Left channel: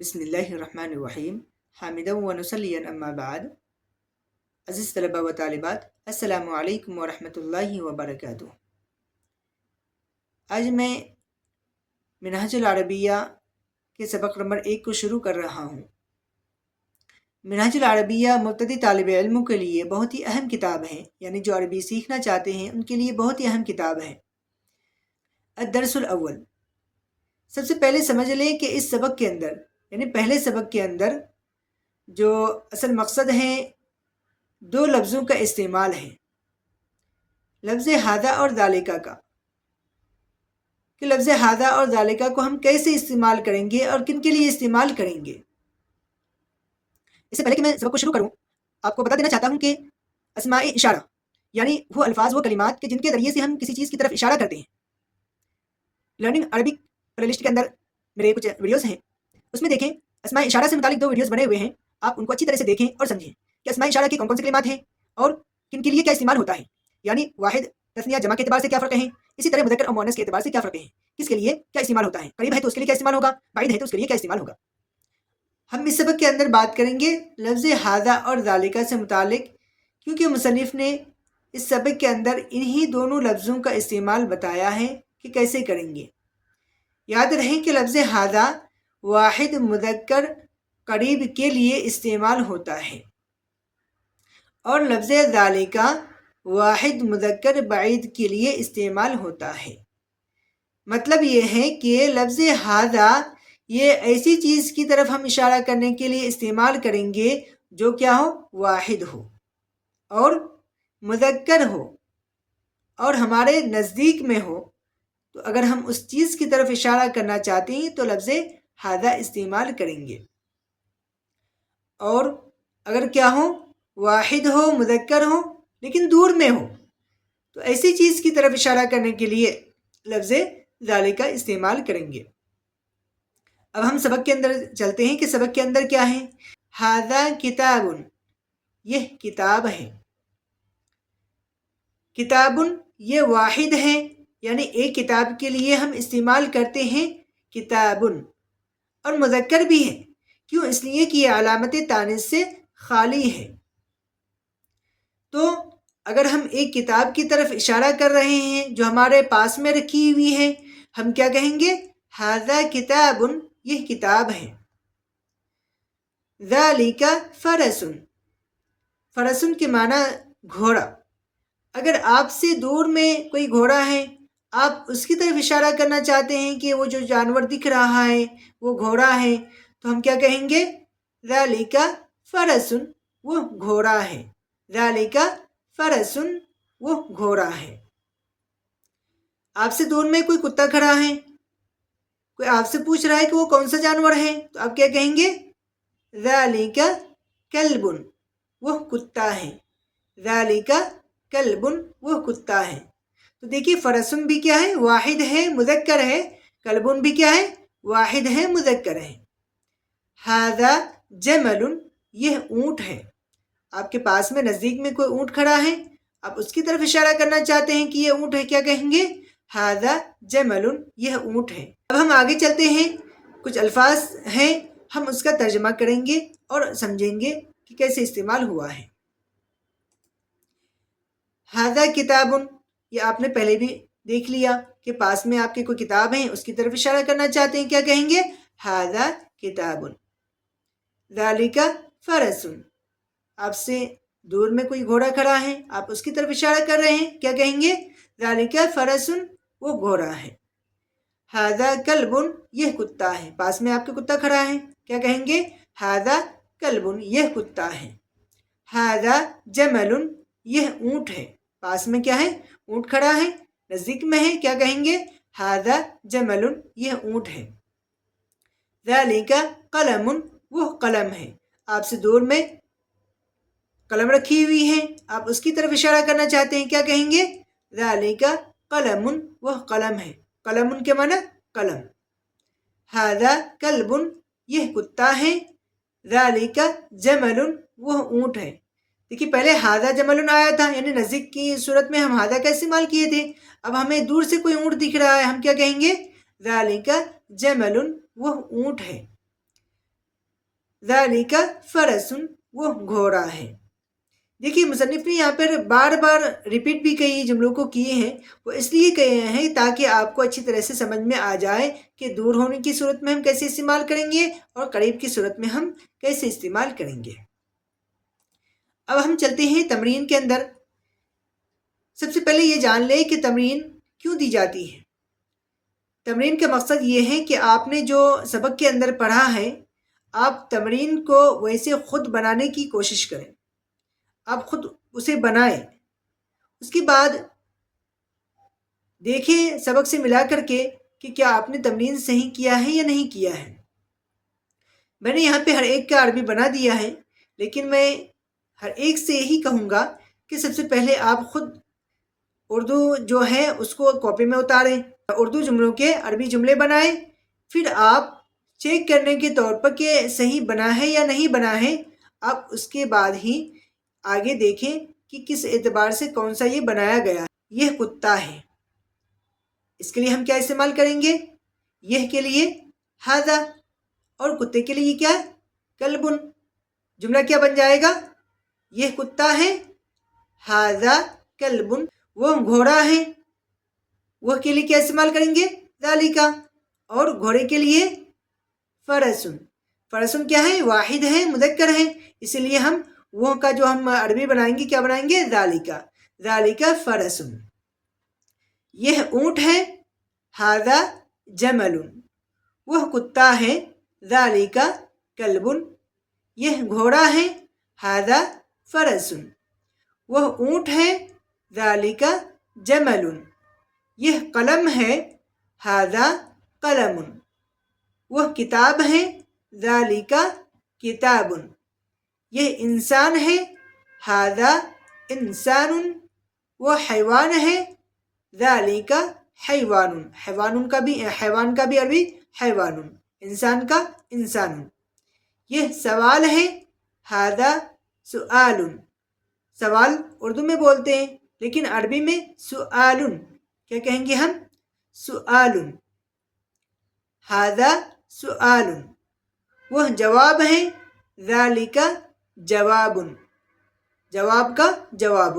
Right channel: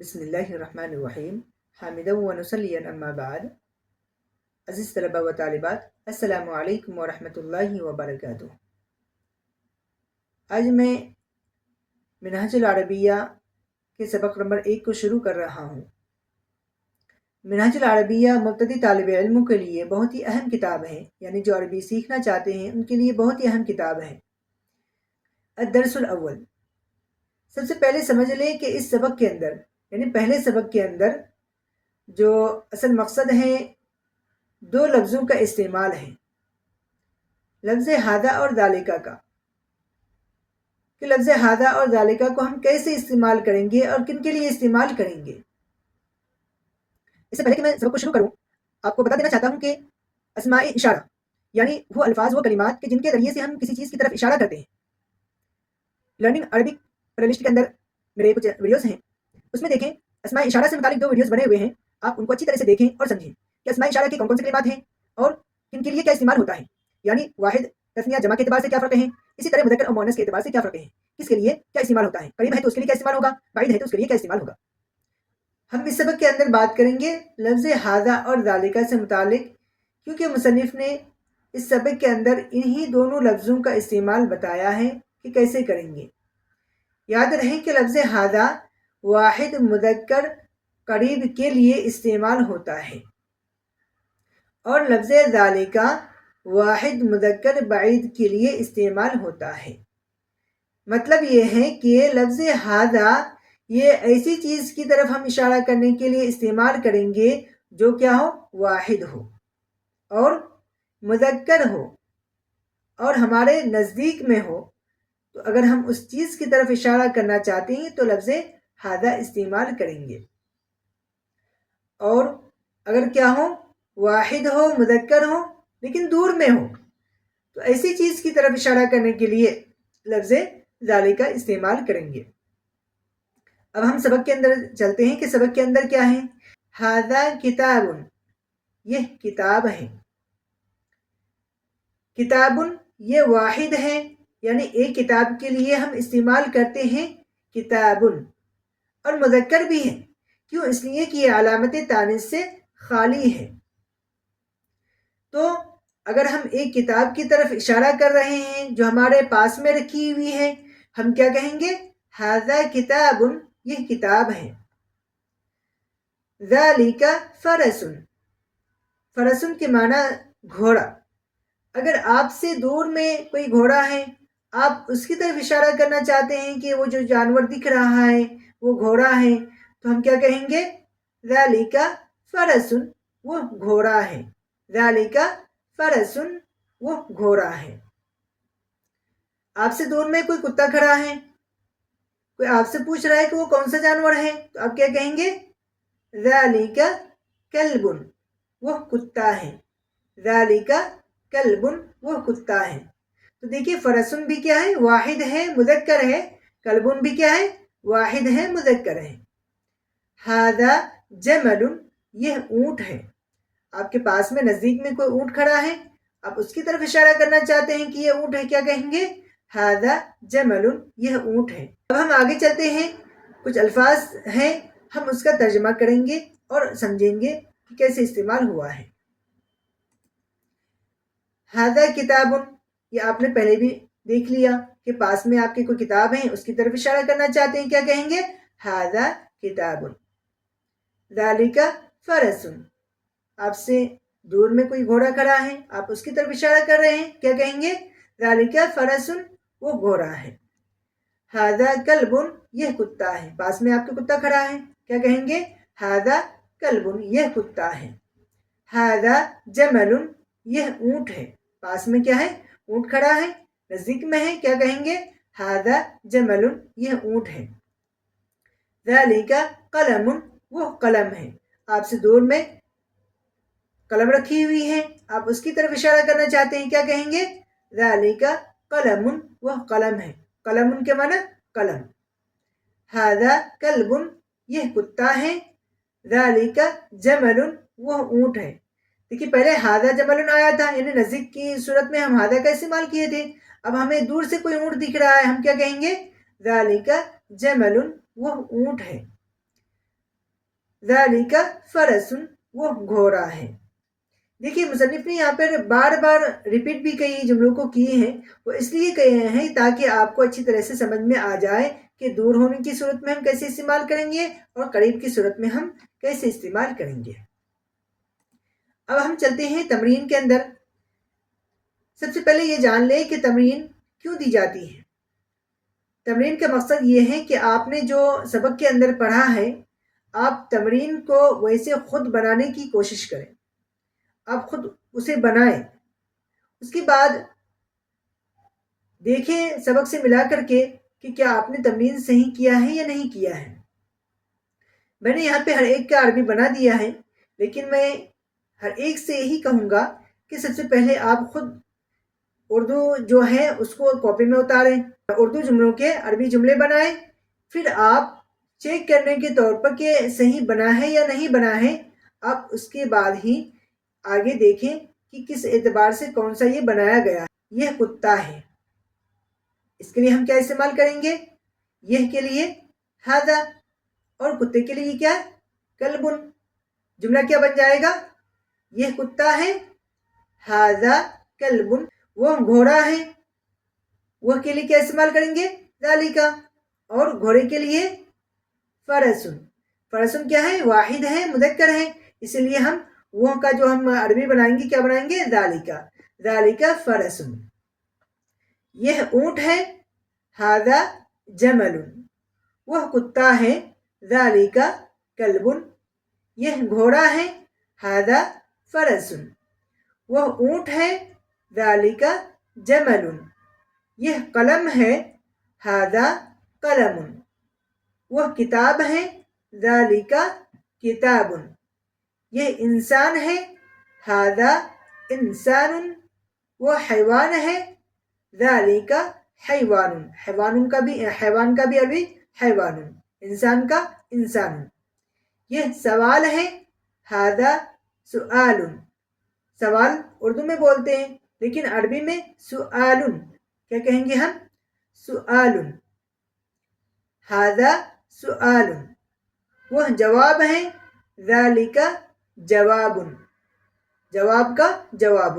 بسم اللہ الرحمن الرحیم حامدا و نصلی اما بعد. عزیز طلبہ و طالبات، السلام علیکم ورحمۃ اللہ وبرکاتہ. آج میں منہج العربیہ کے سبق نمبر 1 کو شروع کر رہا ہوں. منہج العربیہ مبتدی طالب علموں کے لیے بہت ہی اہم کتاب ہے، یعنی جو عربی سیکھنا چاہتے ہیں ان کے لیے بہت ہی اہم کتاب ہے. الدرس الاول، سب سے پہلے سمجھ لیں کہ اس سبق کے اندر، یعنی پہلے سبق کے اندر جو اصل مقصد ہے 2 لفظوں کا استعمال ہے، لفظ ھذا اور ذالکہ کا، کہ لفظ ھذا اور ذالکہ کو ہم کیسے استعمال کریں گے اور کن کے لیے استعمال کریں گے. اس سے پہلے کہ میں سبق کو شروع کروں، آپ کو بتا دینا چاہتا ہوں کہ اسماء اشارہ یعنی وہ الفاظ، وہ کلمات کہ جن کے ذریعے سے ہم کسی چیز کی طرف اشارہ کرتے ہیں. لرننگ عربک پلے لسٹ کے اندر میرے کچھ ویڈیوز ہیں، اس میں دیکھیں اسماء اشارہ سے متعلق 2 ویڈیوز بنے ہوئے ہیں. آپ ان کو اچھی طرح سے دیکھیں اور سمجھیں کہ اسماء اشارہ کی کون کون سی کلمات ہیں اور کن کے لیے کیا استعمال ہوتا ہے، یعنی واحد تثنیہ جمع کے اعتبار سے کیا فرق ہیں، اسی طرح مذکر اور مؤنث کے اعتبار سے کیا فرق ہیں، کس کے لیے کیا استعمال ہوتا ہے، قریب ہے تو اس کے لیے کیا استعمال ہوگا، بعید ہے تو اس کے لیے کیا استعمال ہوگا. ہم اس سبق کے اندر بات کریں گے لفظ ھذا اور ذالکہ سے متعلق، کیونکہ مصنف نے اس سبق کے اندر انہی دونوں لفظوں کا استعمال بتایا ہے کہ کیسے کریں گے. یاد رہیں کہ لفظ ھذا واحد مذکر قریب کے لیے استعمال ہوتا ہے اور لفظ ذالکہ واحد مذکر بعید کے لیے استعمال ہوتا ہے. مطلب یہ ہے کہ لفظ ھذا یہ ایسی چیز کی طرف ہم اشارہ کرنے کے لیے استعمال کریں گے جو کیا ہو، واحد ہو اور مذکر ہو اور ہمارے نزدیک میں ہو. تو اگر ہم اس چیز کی طرف اشارہ کرنا چاہتے ہیں تو لفظ ھذا استعمال کریں گے. اور اگر کیا ہو، واحد ہو، مذکر ہو لیکن دور میں ہو، تو ایسی چیز کی طرف اشارہ کرنے کے لیے لفظ ذالکہ استعمال کریں گے. اب ہم سبق کے اندر چلتے ہیں کہ سبق کے اندر کیا ہے. ھذا کتاب، یہ کتاب ہے. کتاب یہ واحد ہے، یعنی ایک کتاب کے لیے ہم استعمال کرتے ہیں کتاب، اور مذکر بھی ہے. کیوں؟ اس لیے کہ یہ علامت تانیث سے خالی ہے. تو اگر ہم ایک کتاب کی طرف اشارہ کر رہے ہیں جو ہمارے پاس میں رکھی ہوئی ہے، ہم کیا کہیں گے، ھذا کتاب، یہ کتاب ہے. ذالکہ فرس، فرس کے معنی گھوڑا. اگر آپ سے دور میں کوئی گھوڑا ہے، آپ اس کی طرف اشارہ کرنا چاہتے ہیں کہ وہ جو جانور دکھ رہا ہے وہ گھوڑا ہے، تو ہم کیا کہیں گے، ذالکہ فرس، وہ گھوڑا ہے. ذالکہ فرس، وہ گھوڑا ہے. آپ سے دور میں کوئی کتا کھڑا ہے، کوئی آپ سے پوچھ رہا ہے کہ وہ کون سا جانور ہے، تو آپ کیا کہیں گے، ذالکہ کلب، وہ کتا ہے. ذالکہ کلب، وہ کتا ہے. تو دیکھیے فرسن بھی کیا ہے، واحد ہے، مذکر ہے. کلبن بھی کیا ہے، واحد ہے، مذکر ہے. ھذا جمل، یہ اونٹ ہے. آپ کے پاس میں نزدیک میں کوئی اونٹ کھڑا ہے، آپ اس کی طرف اشارہ کرنا چاہتے ہیں کہ یہ اونٹ ہے، کیا کہیں گے، ھذا جمل، یہ اونٹ ہے. اب ہم آگے چلتے ہیں، کچھ الفاظ ہیں ہم اس کا ترجمہ کریں گے اور سمجھیں گے کہ کیسے استعمال ہوا ہے. ھذا کتاب، یہ آپ نے پہلے بھی دیکھ لیا کہ پاس میں آپ کی کوئی کتاب ہے، اس کی طرف اشارہ کرنا چاہتے ہیں، کیا کہیں گے، ھذا کتاب. ذالکہ فرس، آپ سے دور میں کوئی گھوڑا کھڑا ہے، آپ اس کی طرف اشارہ کر رہے ہیں، کیا کہیں گے، ذالکہ فرس، وہ گھوڑا ہے. ھذا کلب، یہ کتا ہے. پاس میں آپ کے کتا کھڑا ہے، کیا کہیں گے، ھذا کلب، یہ کتا ہے. ھذا جمل، یہ اونٹ ہے. پاس میں کیا ہے، اونٹ کھڑا ہے، نزدیک میں ہے، کیا کہیں گے، ھذا جمل، یہ اونٹ ہے. ذالکہ قلم، وہ قلم ہے. آپ سے دور میں قلم رکھی ہوئی ہے، آپ اس کی طرف اشارہ کرنا چاہتے ہیں، کیا کہیں گے، ذالکہ قلم، وہ قلم ہے. قلم کے معنی قلم. ھذا کلب، یہ کتا ہے. ذالکہ جمل، وہ اونٹ ہے. دیکھیے پہلے ھذا جمل آیا تھا، یعنی نزدیک کی صورت میں ہم ھذا کا استعمال کیے تھے. اب ہمیں دور سے کوئی اونٹ دکھ رہا ہے، ہم کیا کہیں گے، ذالکہ جمل، وہ اونٹ ہے. ذالک فرس، وہ گھوڑا ہے۔ دیکھیے مصنف نے یہاں پر بار بار ریپیٹ بھی کئی جملوں کو کیے ہیں، وہ اس لیے کہے ہیں تاکہ آپ کو اچھی طرح سے سمجھ میں آ جائے کہ دور ہونے کی صورت میں ہم کیسے استعمال کریں گے اور قریب کی صورت میں ہم کیسے استعمال کریں گے۔ اب ہم چلتے ہیں تمرین کے اندر۔ سب سے پہلے یہ جان لیں کہ تمرین کیوں دی جاتی ہے۔ تمرین کا مقصد یہ ہے کہ آپ نے جو سبق کے اندر پڑھا ہے، آپ تمرین کو ویسے خود بنانے کی کوشش کریں، آپ خود اسے بنائیں، اس کے بعد دیکھیں سبق سے ملا کر کے کہ کیا آپ نے تمرین صحیح کیا ہے یا نہیں کیا ہے۔ میں نے یہاں پہ ہر ایک کا عربی بنا دیا ہے، لیکن میں ہر ایک سے یہی کہوں گا کہ سب سے پہلے آپ خود اردو جو ہے اس کو کاپی میں اتاریں، اردو جملوں کے عربی جملے بنائیں، پھر آپ چیک کرنے کے طور پر کہ صحیح بنا ہے یا نہیں بنا ہے، آپ اس کے بعد ہی آگے دیکھیں کہ کس اعتبار سے کون سا یہ بنایا گیا ہے۔ یہ کتا ہے، اس کے لیے ہم کیا استعمال کریں گے؟ یہ کے لیے ھذا، اور کتے کے لیے کیا؟ کلبن۔ جملہ کیا بن جائے گا؟ یہ کتا ہے، ھذا کلبن۔ وہ گھوڑا ہے، وہ کے لیے کیا استعمال کریں گے؟ ذالکا۔ اور گھوڑے کے لیے فرسن۔ فرسن کیا ہے؟ واحد ہے، مذکر ہے، اسی لیے ہم وہ کا جو ہم عربی بنائیں گے کیا بنائیں گے؟ ذالکا۔ ذالکا فرسن۔ یہ اونٹ ہے، ھذا جمل۔ وہ کتا ہے، ذالکا کلبن۔ یہ گھوڑا ہے، ھذا فرسن۔ وہ اونٹ ہے، ذالکا جمل۔ یہ قلم ہے، ھذا قلم۔ وہ کتاب ہے، ذالکا کتاب۔ یہ انسان ہے، ھذا انسان۔ وہ حیوان ہے، ذالکا حیوان۔ حیوان کا بھی عربی حیوان، انسان کا انسان۔ یہ سوال ہے، ھذا سؤال۔ سوال اردو میں بولتے ہیں، لیکن عربی میں سؤال، کیا کہیں گے ہم؟ سؤال۔ ھذا سؤال۔ وہ جواب ہے، ذالکا جواب۔ جواب کا جواب۔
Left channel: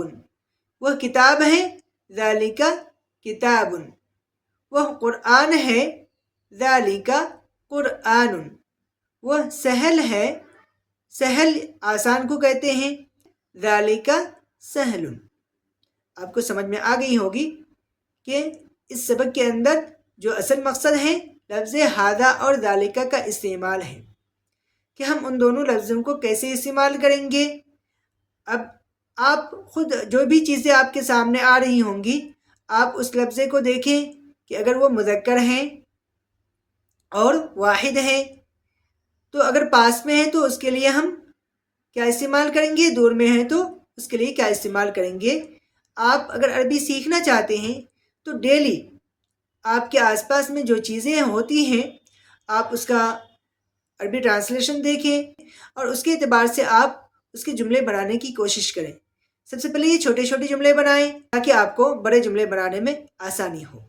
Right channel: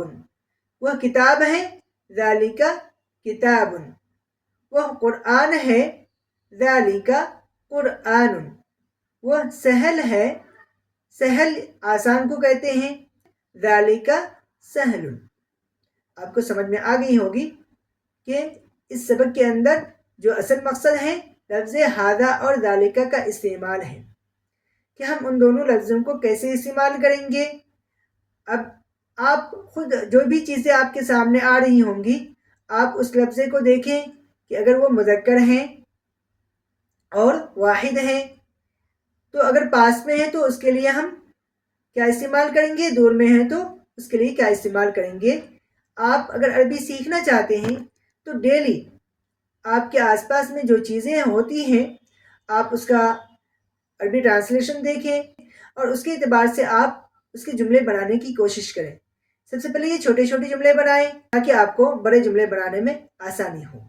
وہ کتاب ہے، ذالکا کتاب۔ وہ قرآن ہے، ذالکا قرآن۔ وہ سہل ہے، سہل آسان کو کہتے ہیں، ذالکا سہل۔ آپ کو سمجھ میں آ گئی ہوگی کہ اس سبق کے اندر جو اصل مقصد ہے لفظ ھذا اور ذالکا کا استعمال ہے، کہ ہم ان دونوں لفظوں کو کیسے استعمال کریں گے۔ اب آپ خود جو بھی چیزیں آپ کے سامنے آ رہی ہوں گی، آپ اس لفظے کو دیکھیں کہ اگر وہ مذکر ہیں اور واحد ہیں، تو اگر پاس میں ہے تو اس کے لیے ہم کیا استعمال کریں گے، دور میں ہے تو اس کے لیے کیا استعمال کریں گے۔ آپ اگر عربی سیکھنا چاہتے ہیں تو ڈیلی آپ کے آس پاس میں جو چیزیں ہوتی ہیں آپ اس کا عربی ٹرانسلیشن دیکھیں اور اس کے اعتبار سے آپ اس کے جملے بنانے کی کوشش کریں۔ سب سے پہلے یہ چھوٹے چھوٹے جملے بنائیں تاکہ آپ کو بڑے جملے بنانے میں آسانی ہو۔